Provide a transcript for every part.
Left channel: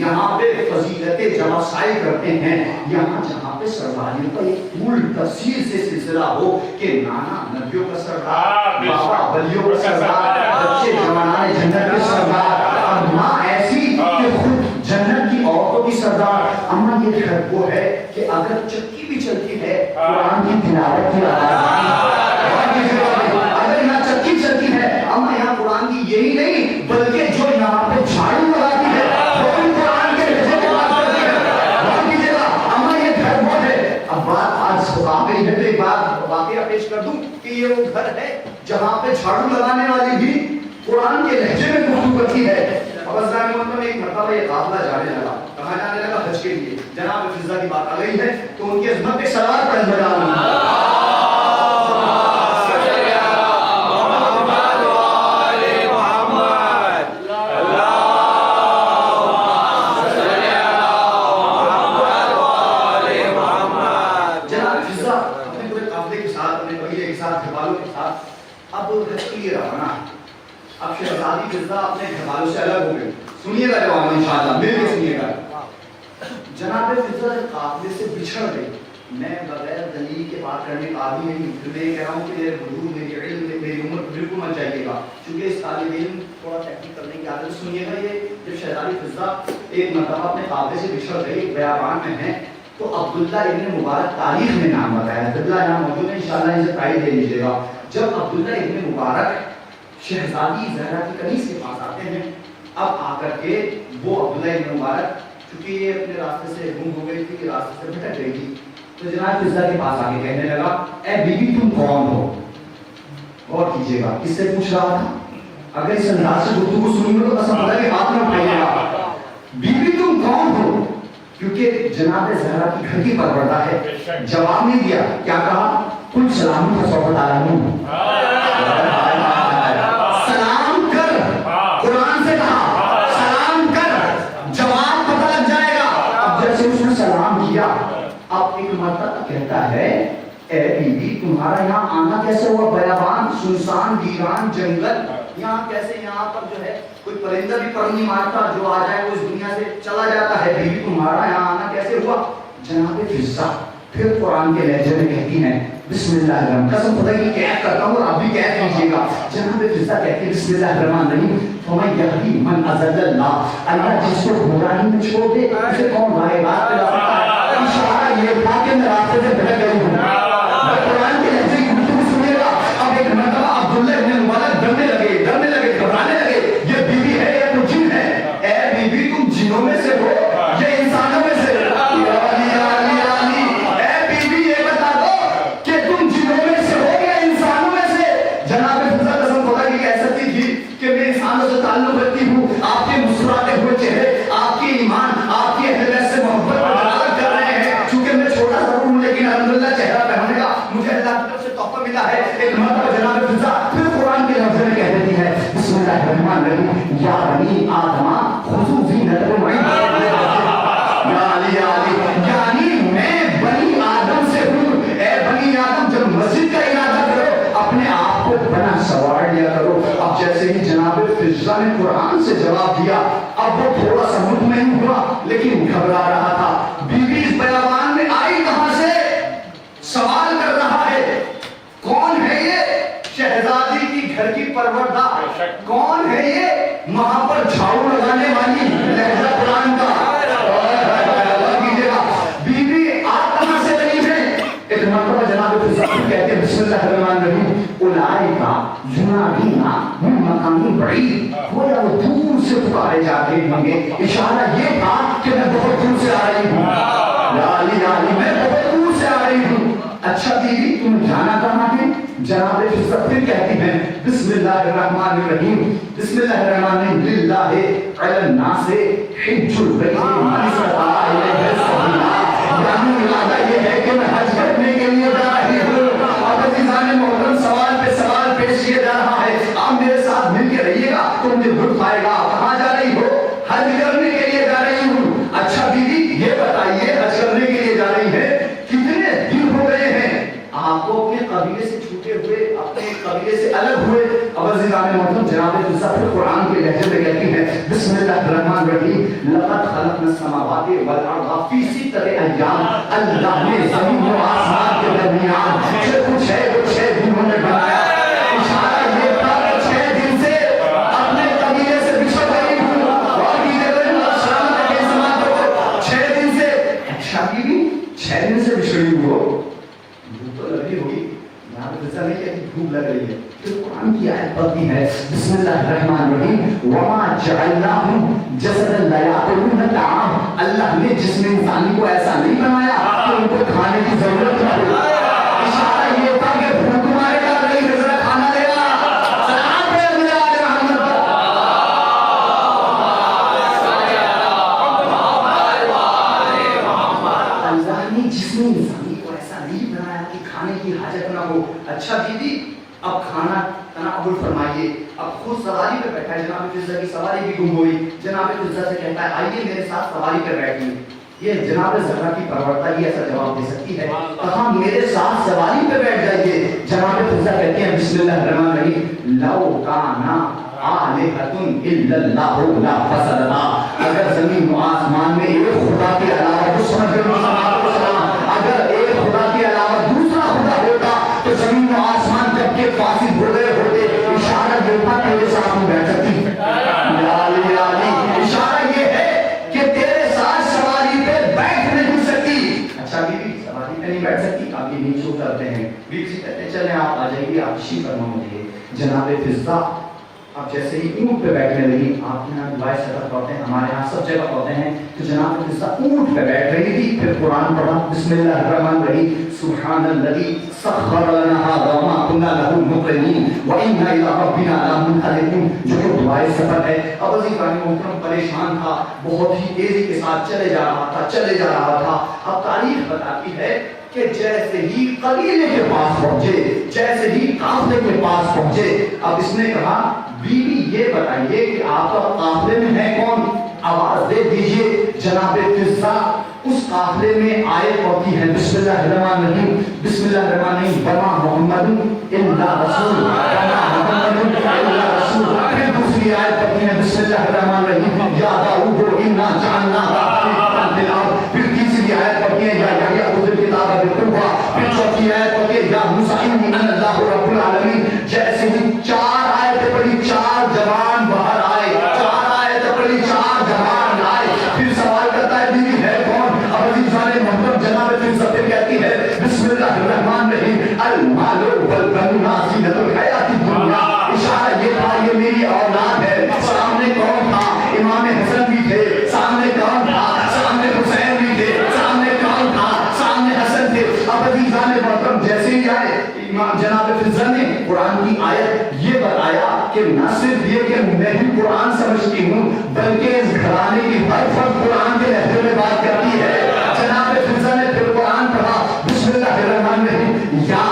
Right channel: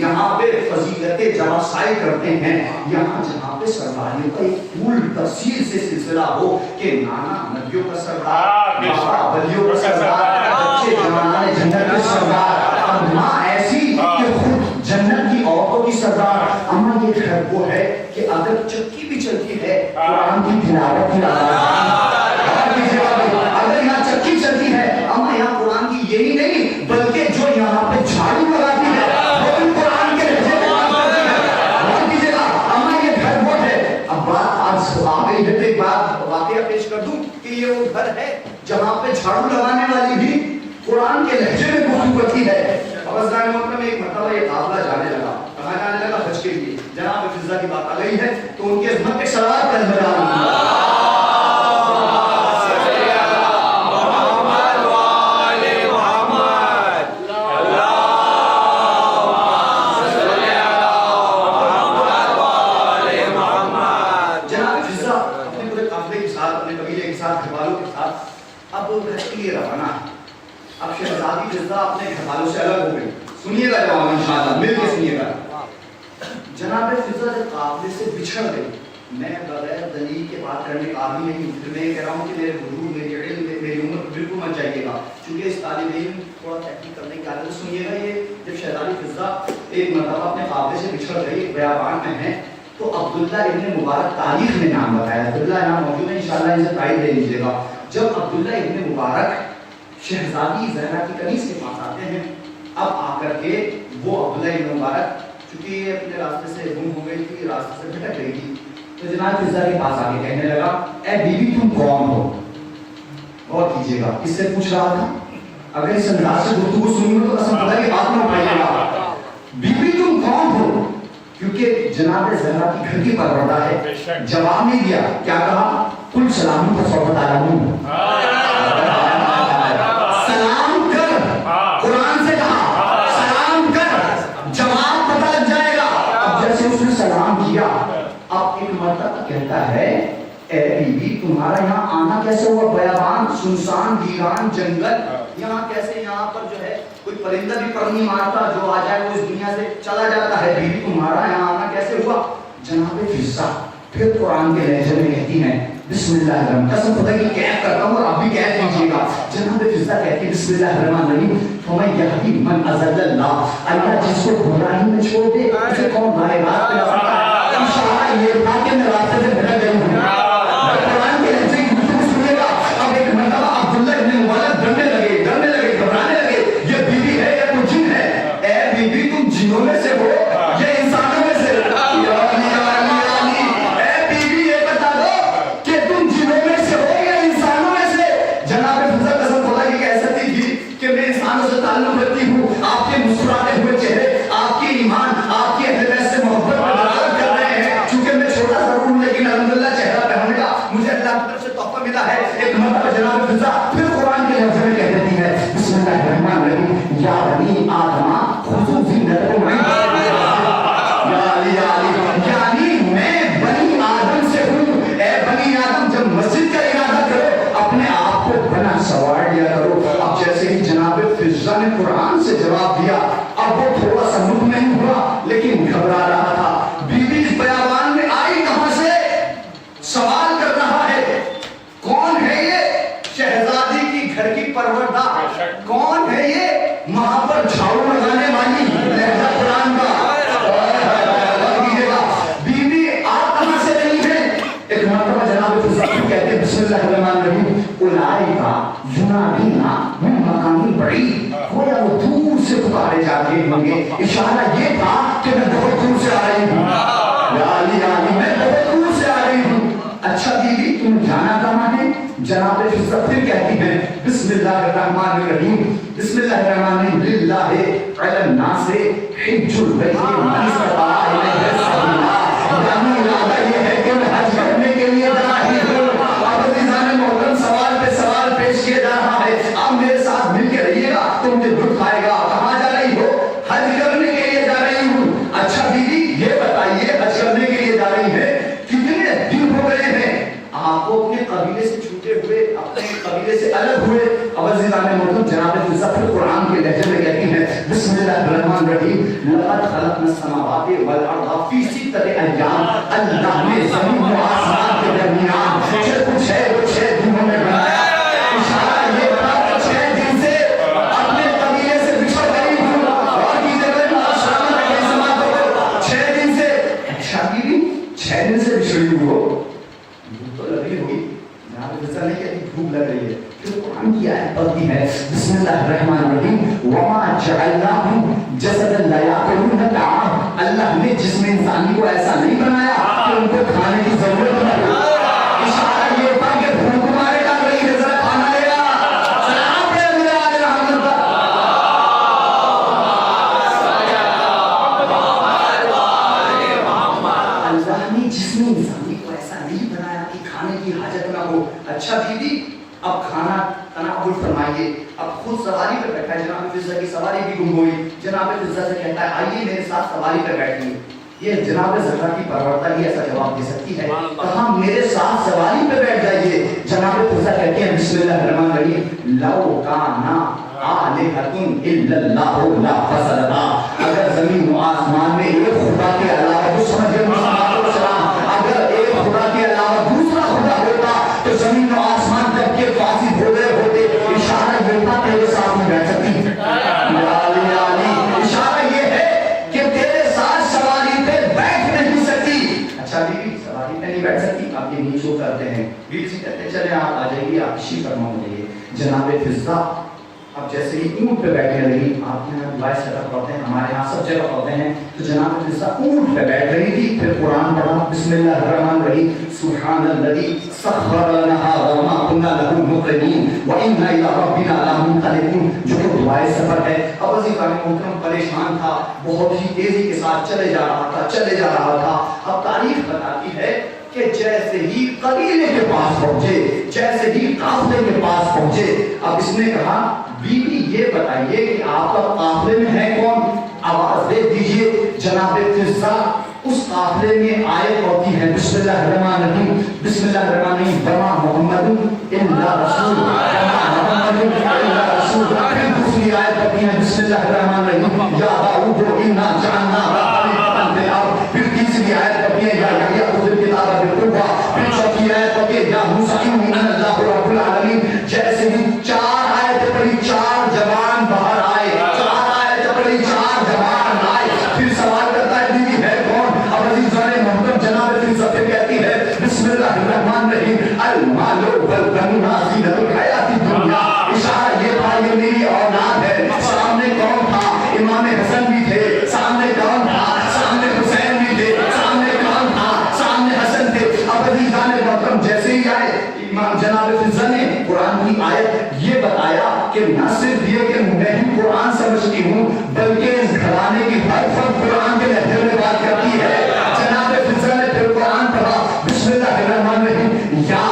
یہاں پہ فضیلتیں جمع سائے کرتے ہیں، یہاں جہاں پہ سرداریوں کا ایک پول تفصیل سے سلسلہ ہو کہ نانا نبیوں کا سردار، بابا ولیوں کا سردار، بچے جوانان جنت کے سردار، اب ماں ایسی کہ خود جنت کی عورتوں کی سردار۔ اما یہ گھر وہ ہے کہ اگر چکی بھی چلتی ہے قرآن کی تلاوت کی آواز، اگر یہاں چکی چلتی ہے اما یہاں قرآن کی یہی نہیں بلکہ جو یہاں پہ جھاڑو لگاتی ہے وہ بھی قرآن کے لہجے میں بات کرتی ہے۔ غور کیجیے گا اما یہ گھر وہ ہے۔ اب بات آج آ گئی ہے تو ایک بات واقعہ پیش کر دوں کہ یہ وہ گھر ہے جہاں پہ جھاڑو لگانے والی بھی قرآن کے لہجے میں گفتگو کرتی ہے۔ افغانستان میں ایک مرتبہ ایک قافلہ جانے لگا، کہاں جانے لگا؟ حج کے لیے۔ جناب فضا کی بات آ گئی ہے تو ان کی عظمت ایک صلوات پڑھ لگا اب شہزادی فضا اپنے گھر والوں سے الگ ہو گئی۔ سنیے گا جواب انشاءاللہ، مل کے سنیے گا۔ جناب فضا جب قافلے سے بچھڑ گئی، میں بغیر دلیل کے بات کرنے کا عادی نہیں، پھر میں یہ کہہ رہا ہوں کہ میرے حضور، میری علم، میری عمر بالکل مت جائیے گا، چونکہ اس طالب علم تھوڑا تحقیق کرنے کی عادت ہے۔ سنیے گا، یہ جب شہزادی فضا ایک مرتبہ اپنے قافلے سے بچھڑ گئی، ایک بیابان میں ہے، تو عبداللہ ابن مبارک تاریخ میں نام بتایا، عبداللہ نام موجود ہے، انشاءاللہ اسے پرائز دے لیجیے گا۔ جب عبداللہ ابن مبارک شہزادی زہرا کی قمیص کے پاس آتے ہیں، اب آ کر کے وہ عبداللہ ابن مبارک چونکہ یہ اپنے راستے سے گم ہو گئی تھی، راستے سے بھٹک گئی تھی، تو جناب فضا کے پاس آ کے کہنے لگا، اے بیوی تم کون ہو؟ غور کیجیے گا، کس سے پوچھ رہا تھا؟ اگر اس انداز سے گفتگو سنیں گے تو قسم خدا کی بات نہ اٹھائیے گا، بیوی تم کون ہو؟ کیونکہ جناب زہرا کی گھر کی پروردہ ہے۔ جواب نہیں دیا، کیا کہا؟ کل سلام کو صحبت آیا ہوں، سلام کر، قرآن سے کہا سلام کر، جواب پتہ لگ جائے گا۔ اب جیسے اس نے سلام کیا، اب ایک مرتبہ کہتا ہے، اے بیوی تمہارا یہاں آنا کیسے ہوا؟ بیابان، سنسان، ویران جنگل، یہاں کیسے؟ یہاں پر جو ہے کوئی پرندہ بھی پر نہیں مارتا، جو آ جائے وہ اس دنیا سے چلا جاتا ہے، بیوی تمہارا یہاں آنا کیسے ہوا؟ جناب فضا پھر قرآن کے لہجے میں کہتی ہیں، بسم اللہ الرحمن، قسم خدا کی قید کرتا ہوں اور آپ بھی قید کیجیے گا۔ جناب فضا کہتی ہے، بسم اللہ الرحمن الرحیم، فمن یہدی من اضل اللہ، اللہ جس کو گمراہی میں چھوڑ دے اسے کون راہ راست پہ لا سکتا ہے؟ اشارہ یہ تھا کہ میں راستے سے بھٹک گئی ہوں۔ قرآن کے لہجے کی گفتگو سنیے گا۔ اب ایک مرتبہ عبداللہ ابن مبارک ڈرنے لگے، گھبرانے لگے، یہ بیوی ہے یا تو جن ہے؟ اے بیوی تم جنوں میں سے ہو یا انسانوں میں سے؟ اے بیوی یہ بتا دو کہ تم جنوں میں سے ہو یا انسانوں میں سے؟ جناب فضا قسم خدا کی کہہ سکتی تھی کہ میں انسانوں سے تعلق رکھتی ہوں، آپ کے مسکراتے ہوئے چہرے آپ کی ایمان، آپ کی اہل بیت سے محبت پر دلالت کر رہے ہیں، چونکہ میں چھوٹا سا ہوں لیکن الحمدللہ چہرہ پہننے کا مجھے اللہ کی طرف سے تحفہ ملا ہے۔ ایک مرتبہ جناب فضا پھر قرآن کے لفظ میں کہہ دیتی ہے، بسم اللہ الرحمن الرحیم، یا بنی آدم خذوا زینتکم عند، یعنی میں بنی آدم سے ہوں، اے بنی آدم جب مسجد کا ارادہ کرو اپنے آپ کو بنا سوار لیا کرو۔ اب جیسے ہی جناب فضا نے قرآن سے جواب دیا، اب وہ تھوڑا سا مطمئن ہوا لیکن گھبرا رہا تھا۔ بیوی اس بیابان میں آئی کہاں سے؟ سوال کر رہا ہے، کون ہے یہ؟ شہزادی کی گھر کی پروردہ، کون ہے یہ؟ وہاں پر جھاڑو لگانے والی، لہجہ قرآن کا۔ بیوی آپ کہاں سے بنی ہے؟ ایک مرتبہ جناب فضا کہتے ہیں، بسم اللہ الرحمن الرحیم، اولئک ینادونا من مکان بعید، گویا وہ دور سے پکارے جاتے ہوں گے۔ اشارہ یہ تھا کہ میں بہت دور سے آ رہی ہوں، میں بہت دور سے آ رہی ہوں۔ اچھا بیوی تم جانا کہاں ہے؟ جناب فضا پھر کہتی ہیں، بسم اللہ الرحمن الرحیم، بسم اللہ الرحمن الرحیم، للہ علی الناس حج البیت من استطاع الیہ سبیلا، یعنی ارادہ یہ ہے کہ میں حج کرنے کے لیے جا رہی ہوں۔ اب عزیزان محترم سوال پہ سوال پیش کیا جا رہا ہے، آپ میرے ساتھ مل کے رہیے گا تو مجھے لطف آئے گا۔ کہاں جا رہی ہو؟ حج کرنے کے لیے جا رہی ہوں۔ اچھا بیوی یہ بتائیے حج کرنے کے لیے جا رہی ہے، کتنے دن ہو گئے ہیں آپ کو اپنے قبیلے سے چھوٹے ہوئے، اپنے قبیلے سے الگ ہوئے؟ اب عزیزان محترم جناب فضا پھر قرآن کے لہجے میں کہتی ہیں، بسم اللہ الرحمن الرحیم، لقد خلقنا خلقنا السماوات والارض فی ستۃ ایام، اللہ نے زمین و آسمان کے درمیان جو کچھ ہے وہ 6 دنوں میں بنایا. اشارہ یہ تھا کہ 6 دن سے اپنے قبیلے سے بچھڑ گئی ہوں اور کی جگہ سلامت کے سماعتوں کو 6 دن سے شادی بھی 6 دن سے بچھڑی ہوئی ہو. بھوک تو لگ رہی ہوگی، ایسا نہیں کہ بھوک لگ رہی ہے. پھر قرآن کی آیت پڑھتی ہے بسم اللہ الرحمن الرحیم وما جعلناہم جسدا لا یاکلون الطعام. اللہ نے جسم انسانی کو ایسا نہیں بنایا کہ ان کو کھانے کی ضرورت نہ ہو. اشارہ یہ تھا کہ بھوک مارے ڈال رہی ہے، ذرا کھانا لے گا. سلام پڑھے مجھے آل محمد پر. اللہ نے جسم انسانی کو ایسا نہیں بنایا کہ کھانے کی حاجت نہ ہو. اچھا بیوی اب کھانا تناول فرمائیے. اب خود سواری پہ بیٹھا ہے، جناب فضہ کی سواری بھی گم ہوئی. جناب فضہ سے کہتا ہے آئیے میرے ساتھ سواری پہ بیٹھیے. یہ جناب زہرا کی پرورتا ہی ایسا جواب دے سکتی ہے، کہا میرے ساتھ سواری پہ بیٹھ جائیے. جناب فضہ کہتے ہیں بسم اللہ الرحمن الرحیم لو کانا آلہۃ الا اللہ لفسدتا. اگر زمین و آسمان میں ایک خدا کے علاوہ اگر ایک خدا کے علاوہ دوسرا خدا ہوتا تو زمین و آسمان جب کے فاسد ہو گئے ہوتے. اشارہ یہ تھا تیرے ساتھ نہیں بیٹھ سکتی. اشارہ یہ ہے کہ تیرے ساتھ سواری پہ بیٹھ نہیں سکتی. اچھا بیوی سواری پہ نہیں بیٹھ سکتی، آپ یہ نیچو کرتے ہیں. بیوی سے کہتے ہیں چلیں آپ آ جائیے، آپ اسی فرما مجھے. جناب فضہ اب جیسے ہی اونٹ پہ بیٹھنے لگی، آپ کے یہاں دعائیں سطح پڑھتے ہیں، ہمارے یہاں سب جگہ پڑھتے ہیں، تو جناب فضہ اونٹ پہ بیٹھ رہی تھی. پھر قرآن پڑھا بسم اللہ الرحمن الرحیم سبحان الذی سخر لنا ھذا وما كنا له مقرنین وانا الی ربنا لمنقلبون. جو دعائیں سفر ہے. اب عزیزان محترم پریشان تھا، بہت ہی تیزی کے ساتھ چلے جا رہا تھا. اب تاریخ بتاتی ہے کہ جیسے ہی قبیلے کے پاس پہنچے، جیسے ہی قافلے کے پاس پہنچے، اب اس نے کہا بیوی یہ بتائیے کہ آپ کا قافلے میں ہے کون؟ آواز دے دیجئے. جناب فضہ اس قافلے میں آیت ہوتی ہے بسم اللہ الرحمن الرحیم بسم اللہ الرحمن الرحیم وما محمد الا رسول وما محمد الا رسول. پھر دوسری آیت ہوتی ہے بسم اللہ الرحمن الرحیم یا داؤد انا جعلناک خلیفۃ فی الارض. پھر تیسری آیت ہوتی ہے یا یحییٰ خذ الکتاب بقوۃ. پھر چوتھی آیت ہوتی ہے یا موسیٰ انی انا اللہ رب العالمین. جیسے ہی 4 آیتیں پڑھی 4 جوان باہر آئے، 4 آیتیں پڑھی 4 جوان آئے. پھر سوال کرتا ہے بیوی ہے کون؟ اب عزیزان محترم جناب فضہ سے کہتی ہے بسم اللہ الرحمن الرحیم المال والبنون زینۃ الحیات الدنیا. اشارہ یہ تھا یہ میری اولاد ہے. سامنے کون تھا؟ امام حسن بھی تھے. سامنے کون تھا؟ سامنے حسین بھی تھے. سامنے کون تھا؟ سامنے حسن تھے. اب عزیزان محترم جیسے ہی آئے امام جناب فضہ نے قرآن کی آیت یہ بتایا کہ نہ صرف یہ کہ میں بھی قرآن سمجھتی ہوں بلکہ اس گھرانے کی ہر فرد قرآن کے لہجے میں بات کرتی ہے. جناب فضہ نے پھر قرآن پڑھا بسم اللہ الرحمن الرحیم یا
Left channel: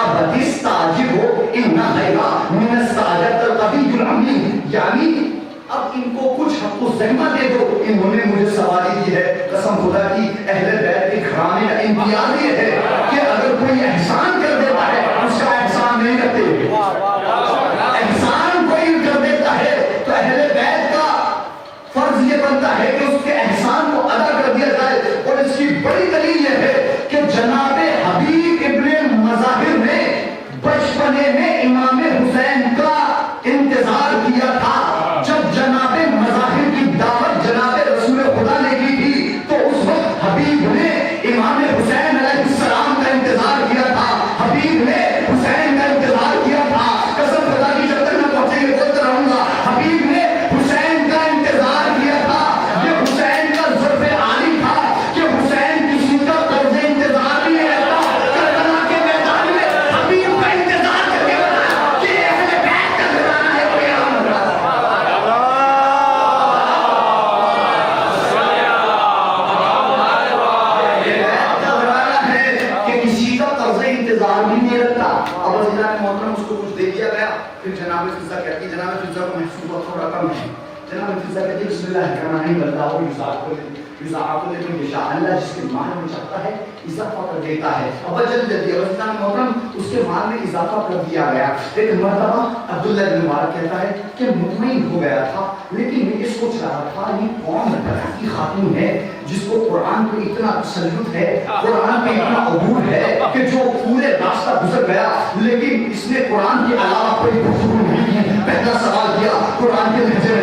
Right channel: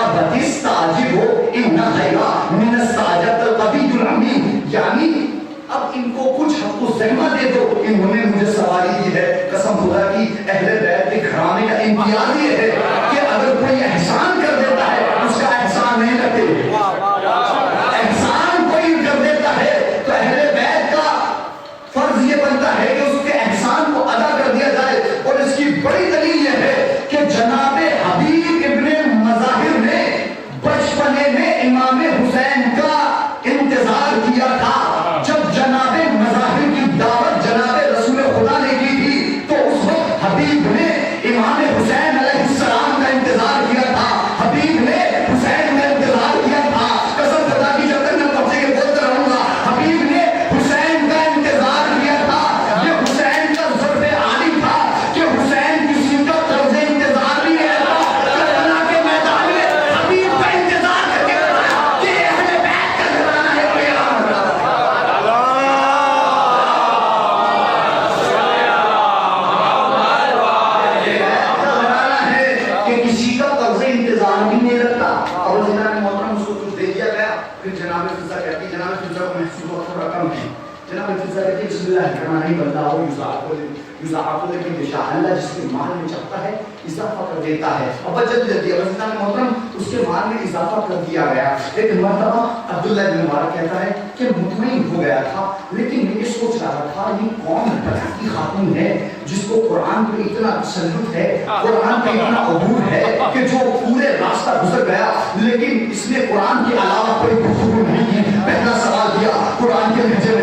ابت استعجب ان خیر من استعجلت القوی الامین. یعنی اب ان کو کچھ حق و ذمہ دے دو. انہوں نے مجھے سواری دی ہے. قسم خدا کی اہل بیت کے گھرانے کا امتیاز یہ ہے کہ اگر کوئی احسان کر دیتا ہے اس کا احسان نہیں کرتے. احسان کوئی کر دیتا ہے تو اہل بیت کا فرض یہ بنتا ہے کہ اس کے احسان کو ادا کر دیا جائے. اور اس کی بڑی دلیل یہ ہے کہ جناب حبیب ابن مظاہر نے بچپنے میں امام حسین کا انتظار کیا تھا. جب جناب مظاہر کی دعوت جناب رسول خدا نے کی تھی تو اس وقت حبیب نے امام حسین علیہ السلام کا انتظار کیا تھا. حبیب نے حسین کا انتظار کیا تھا. قسم خدا کی جب تک نہ پہنچے گے بولتا رہوں گا. حبیب نے حسین کا انتظار کیا تھا. یہ حسین کا ظرف عالی تھا کہ حسین کسی کا طرز انتظار نہیں رہتا. کربلا کے میدان میں حبیب کا انتظار کر کے بتایا کہ یہ اہل بیت کا گھرانہ ہے. کوئی اور انتظار بھی نہیں رکھتا. اور جناب محترم اس کو کچھ دے دیا گیا. پھر جناب فضہ کہتی جناب فضہ کو محسوس ہوا تھوڑا کم ہے. جناب فضہ کہتی بسم اللہ الرحمن الرحیم اللہ یضاعف لمن یشاء. اللہ جس کے مال میں چاہتا ہے اضافہ کر دیتا ہے. اور جلدی جناب محترم اس کے مال میں اضافہ کر دیا گیا. ایک مرتبہ عبداللہ بن مبارک کہتا ہے کہ مطمئن ہو گیا تھا لیکن میں یہ سوچ رہا تھا یہ کون بچہ کی خاطر خاتون ہے جس کو قرآن پہ اتنا تسلط ہے, قرآن پہ اتنا عبور ہے کہ جو پورے راستہ گزر گیا لیکن اس نے قرآن کے علاوہ کوئی گفتگو نہیں کی. پہلا سوال کیا قرآن کے لہجے میں